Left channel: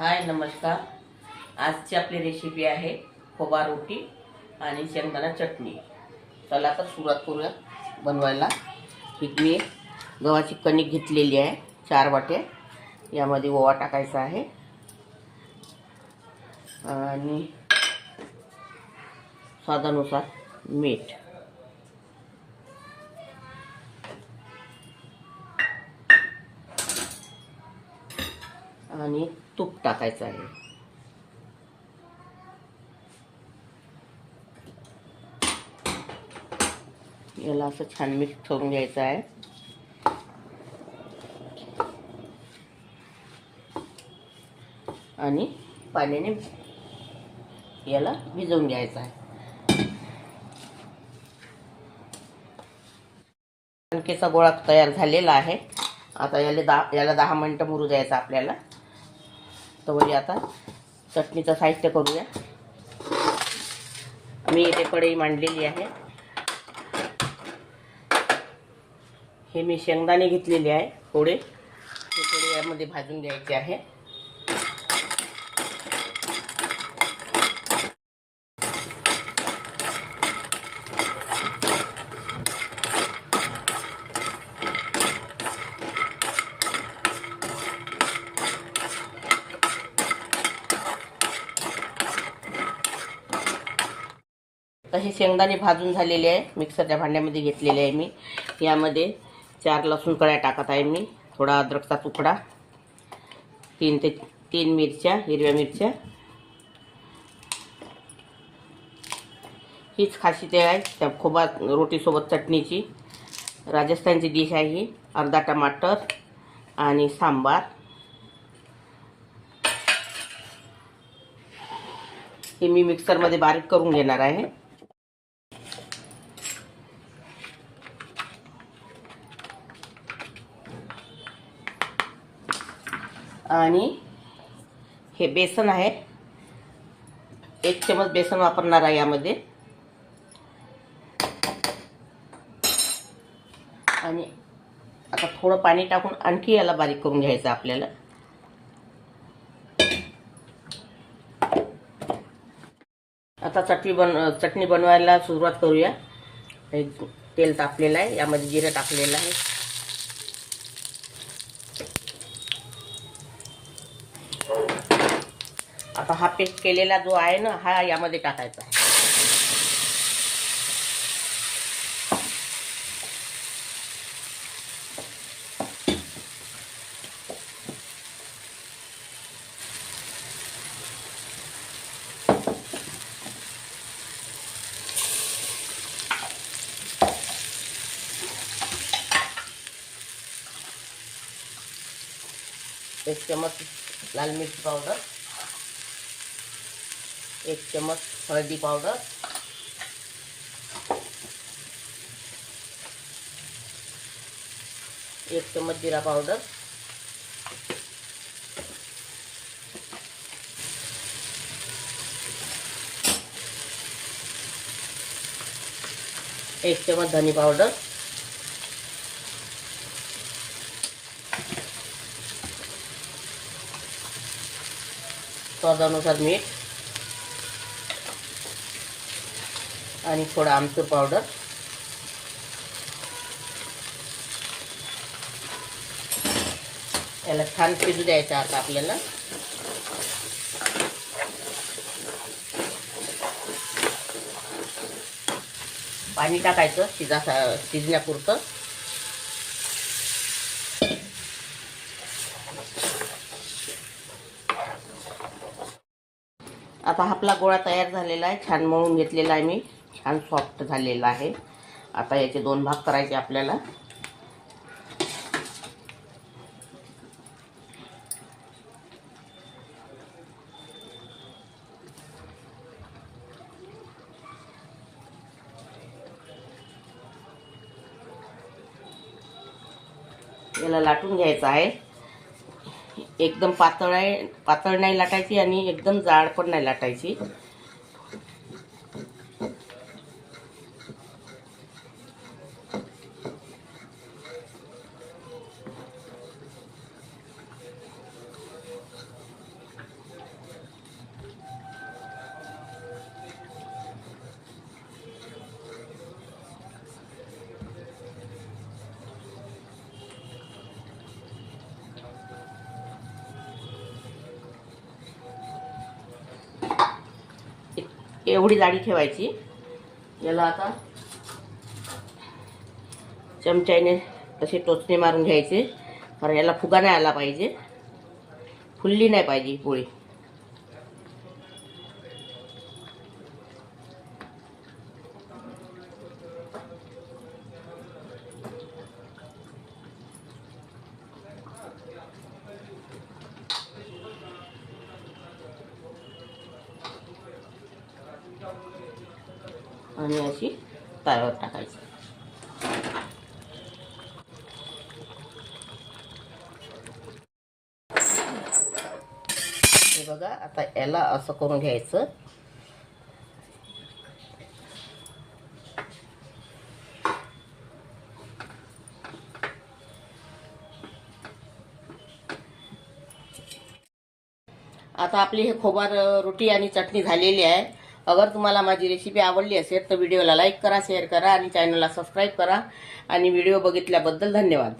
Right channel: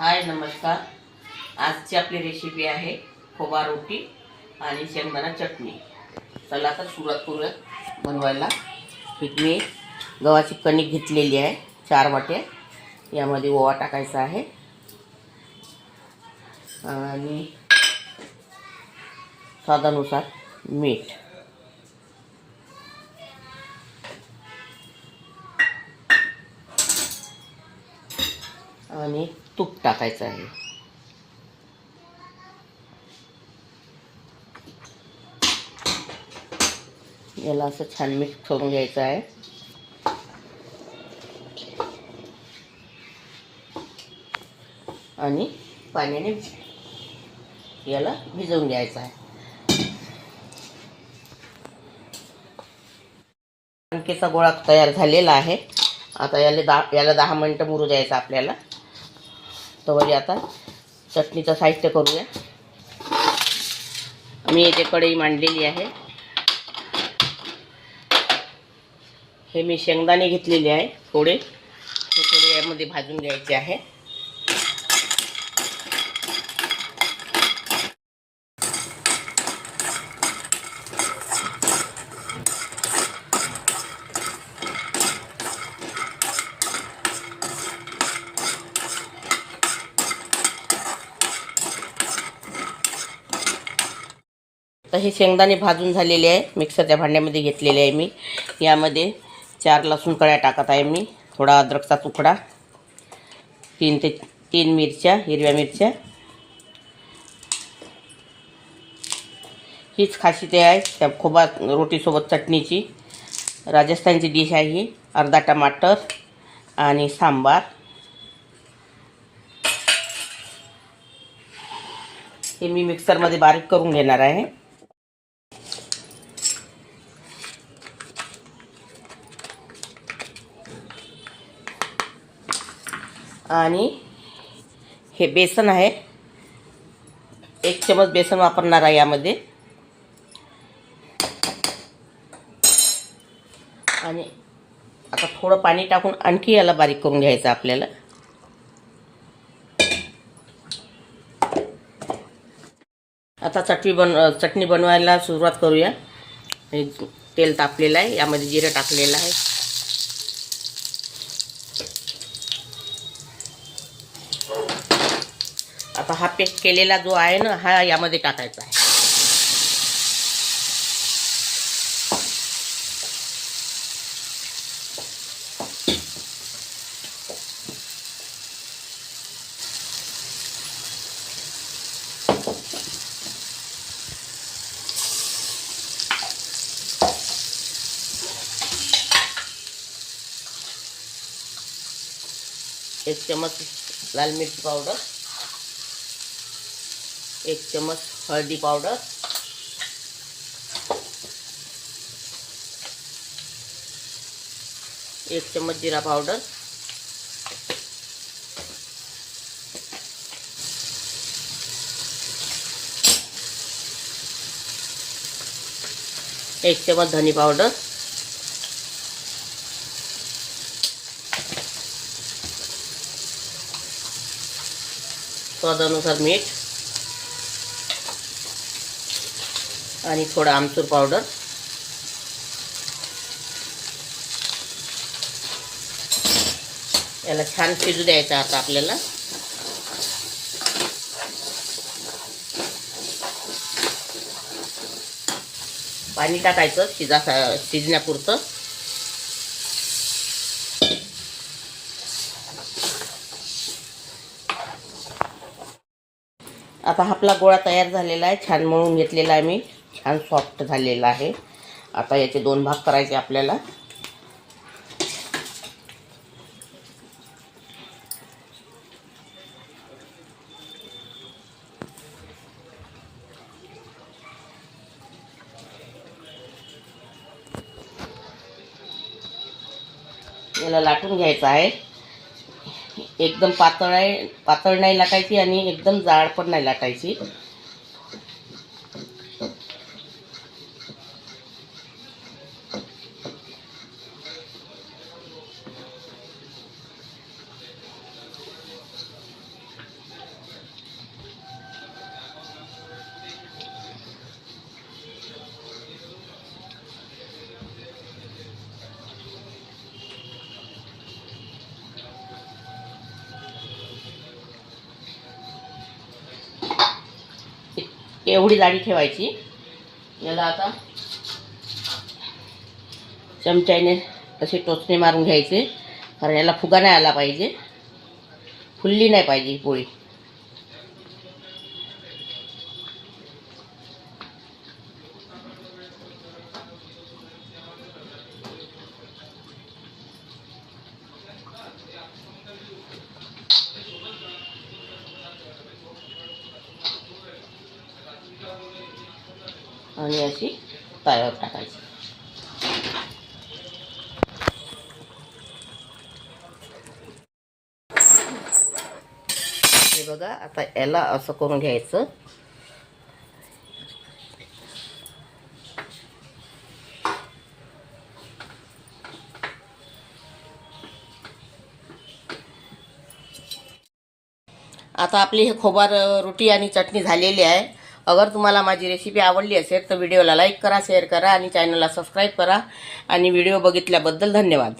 हाय नमस्कार। आजची आपली रेसिपी आहे खोबा रोटी आणि शेंगदाणा चटणी। चला तर सुरुवात करूया बनवायला। मी गव्हाची कणिक घेतलेली आहे 4 वाट्या। यामध्ये ओवा टाकायचा आहे आणि स्वादानुसार मीठ आणि तूप टाकायचं आहे। याला असं छान मिक्स करून घ्यायचं आहे आणि पाण्याने याला भिजवून घ्यायचं आहे। कणकेचा गोळा तयार झालेला आहे। आता याला 10 मिनिटं मुरू द्यायचं आपल्याला। तर आता चटणीचं साहित्य करूया। मी इथे कढई मांडलेली आहे। हे मी शेंगदाणे घेतलेले आहे थोडे यामध्ये भाजून घ्यायचे आहे। तर हे शेंगदाणे भाजून झालेले आहे। मिक्सरच्या भांड्यामध्ये घेतलेले आहे मी। यामध्ये 4 लसूण कळ्या टाकत आहे मी, थोडा अद्रकचा तुकडा, 3 मिरच्या, हिरव्या मिरच्या। हीच खासियत आहे त्या खोबा रोटीसोबत चटणीची। राजस्थानची डिश आहे ही। अर्धा टमाटर आणि सांबार। हे मी मिक्सरमध्ये बारीक करून घेणार आहे। आणि हे बेसन आहे, 1 चमच बेसन वापरणार आहे यामध्ये। आणि आता थोडं पाणी टाकून आणखी याला बारीक करून घ्यायचं आपल्याला। आता चटणी बनवायला सुरुवात करूया। तेल तापलेलं आहे, यामध्ये जिरं टाकलेलं आहे। आता हा पेस्ट केलेला जो आहे ना, हा यामध्ये टाकायचा आहे। एक चम्मच लाल मिर्ची पावडर, 1 चम्मच हळदी पावडर, 1 चम्मच जीरा पावडर, 1 चम्मच धनी पावडर, स्वादानुसार मीठ आणि थोडा आमचूर पावडर। याला छान शिजू द्यायचं आता आपल्याला। पाणी टाकायचं शिजण्यापुरतं। आता आपला गोळा तयार झालेला आहे, छान मळून घेतलेला आहे मी, छान सॉफ्ट झालेला आहे। आता याचे 2 भाग करायचे आपल्याला। याला लाटून घ्यायचं आहे। एकदम पातळ नाही लाटायची आणि एकदम जाड पण नाही लाटायची। एवढी जाडी ठेवायची. याला आता चमच्याने असे टोचणे मारून घ्यायचे, कारण याला फुगा नाही आला पाहिजे, फुलली नाही पाहिजे पोळी. आणि अशी तव्यावर टाकायची. हे बघा, आता याला असं करून घ्यायचं. आता आपली हे खोबार रोटी आणि चटणी झालेली आहे. अगर तुम्हाला माझी रेसिपी आवडली असेल तर व्हिडिओला लाईक करा, शेअर करा आणि चॅनलला सबस्क्राईब करा. आणि व्हिडिओ बघितल्याबद्दल धन्यवाद.